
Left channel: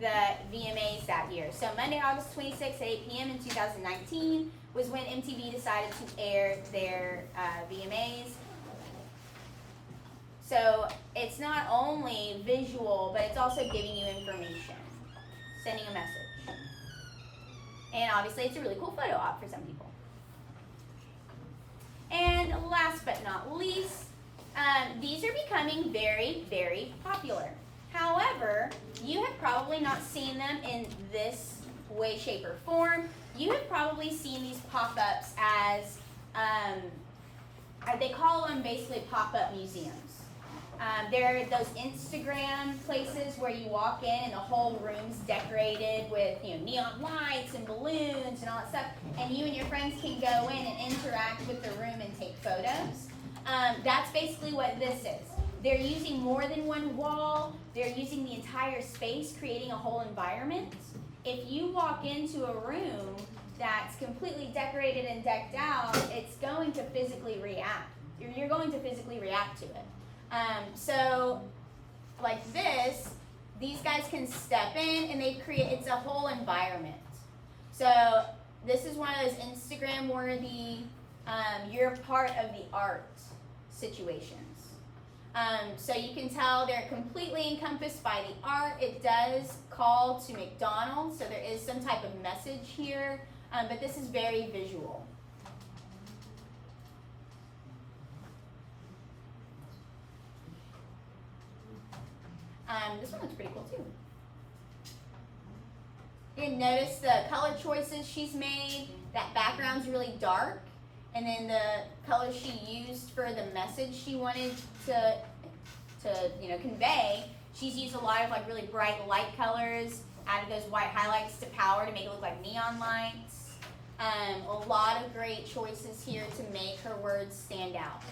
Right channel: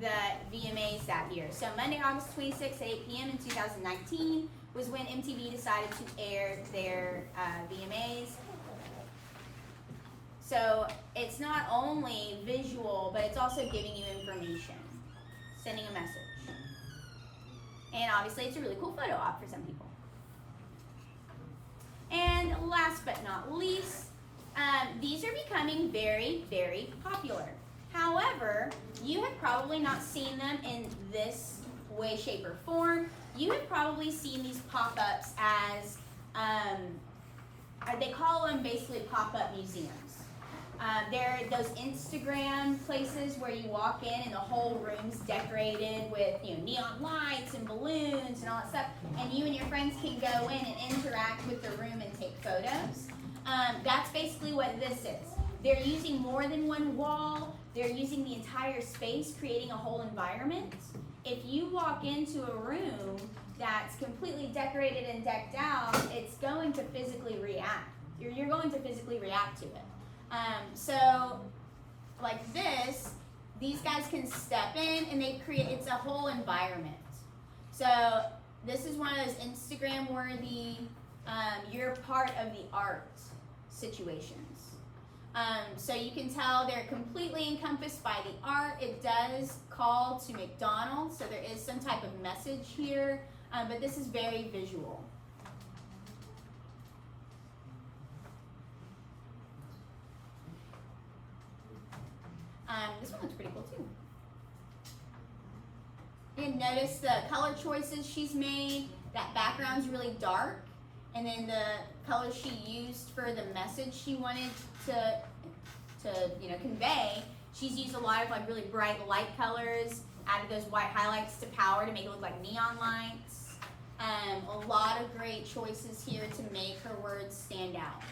the VMAs that year. So Monday, August 26th at 8 p.m. in 2019 was when MTV decided to air their VMAs. So it's not only visual, but it's also giving you information, sending a message. And obviously it's a really cool photo op for some people. And last but not least, these are becoming very, very popular. However, you have probably not seen them in this way, shape, or form. You have probably seen these pop-ups as, they call them basically pop-up museums. They're those Instagram places where you walk in and the whole room's decorated with neon lights and balloons and all that stuff, and you and your friends can go in and interact with the room and take photos. That's basically what this is. They're using more than one wall. They're using the entire space, creating a whole environment. If you walk into a room that's completely decorated and decked out, it's going to physically react. You're going to physically react to it. So, like this, these guys can step in and they create, it's a whole environment. So, this is one of those Instagram worthy, you're part of the art situations. So you can tell they're completely encompassed by the art. It does call to McDonald's, so there is some type of message here, but this is very visual. This one looks pretty cool too. You can notice the color choices she's made. That background's really dark, and then the colors she used for the message she wanted to convey. She's used a lot of like really bright light colors, added those white highlights to power to make it look like neon lights. A lot of great choices here to make her words stand out.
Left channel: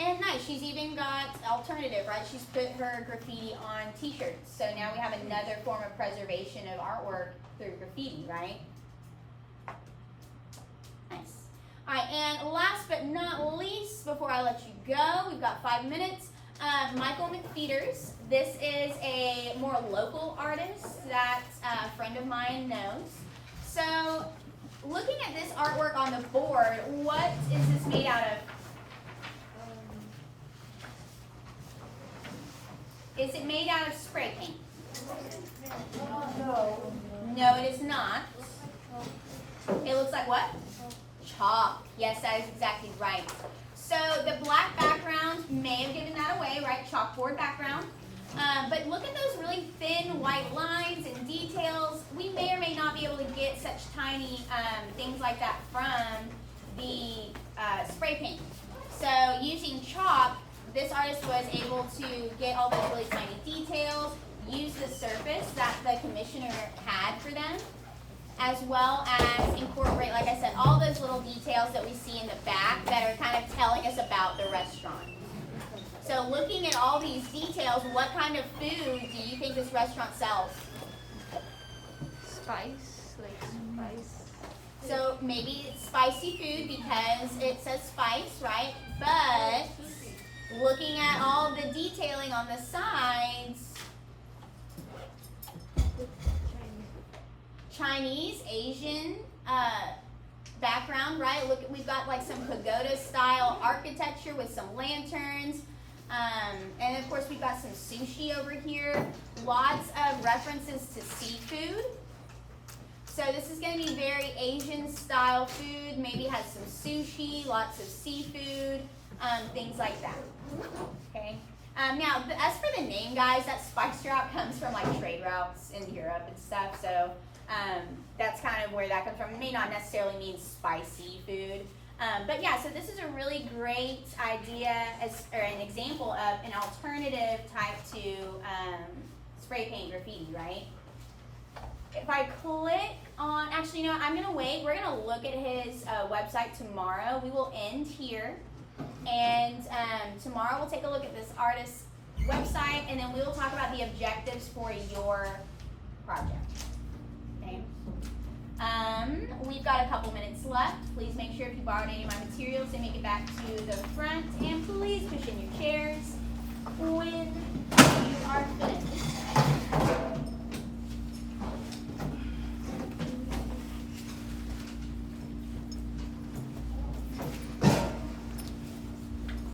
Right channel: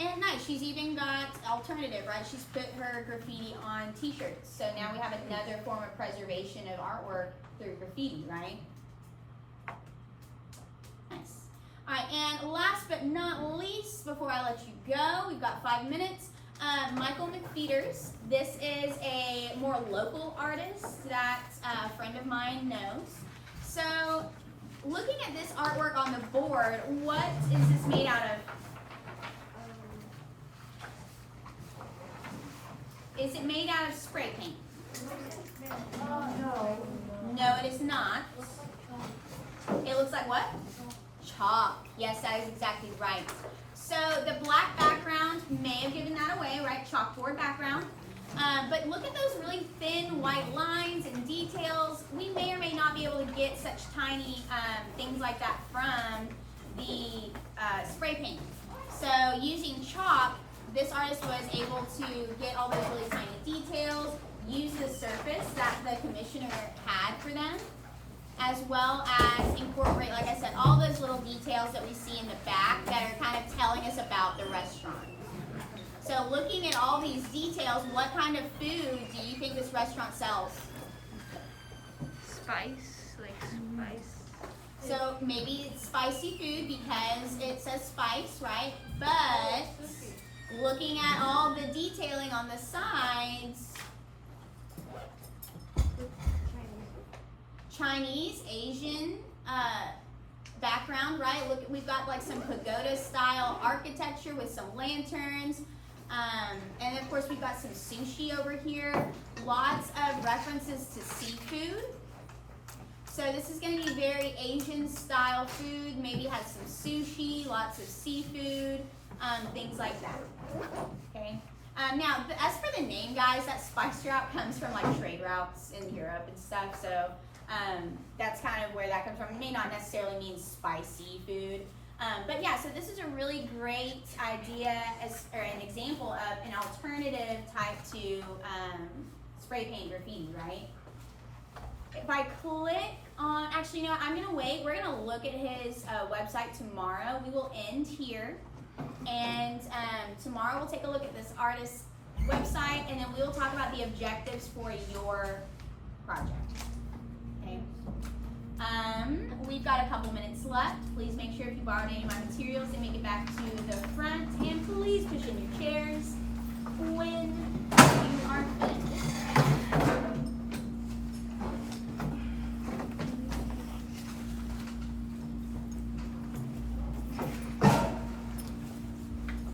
And nice, she's even got alternative, right? She's put her graffiti on t-shirts. So now we have another form of preservation of artwork through graffiti, right? Nice. All right, and last but not least, before I let you go, we've got 5 minutes. Michael McFeeters. This is a more local artist that a friend of mine knows. So, looking at this artwork on the board, what is this made out of? Is it made out of spray paint? No. No, it is not. It looks like what? Chalk. Yes, that is exactly right. So the black background may have given that away, right? Chalkboard background. But look at those really thin white lines and details. We may or may not be able to get such tiny things like that from the spray paint. So using chalk, this artist was able to get all those really tiny details, use the surface that the commissioner had for them, as well as incorporate, like I said, all those little details that we see in the back that are kind of telling us about the restaurant. So looking at all these details, what kind of food do you think this restaurant sells? Spice, like spice. So maybe it's spicy food because it says spice, right? But looking at all the detailing on the sides, Chinese, Asian background, right? Look, we've got like some pagoda style architecture with some lanterns. And of course we've got some sushi over here. Lots of references to seafood. So this is going to be very Asian style food. Maybe has some sushi, lots of seafood, things like that. Okay. Now, as for the name, guys, that spice route comes from like trade routes in Europe and stuff. So that's kind of where that comes from. It may not necessarily mean spicy food. But yeah, so this is a really great idea or an example of an alternative type to spray paint graffiti, right? If I click on, actually, you know what, I'm going to wait. We're going to look at his website tomorrow. We will end here. And tomorrow we'll take a look at this artist's website, and then we will talk about the objectives for your project. Okay? We've got a couple minutes left. Please make sure if you borrowed any of my materials to make it back to the front, and please push in your chairs when you are finished.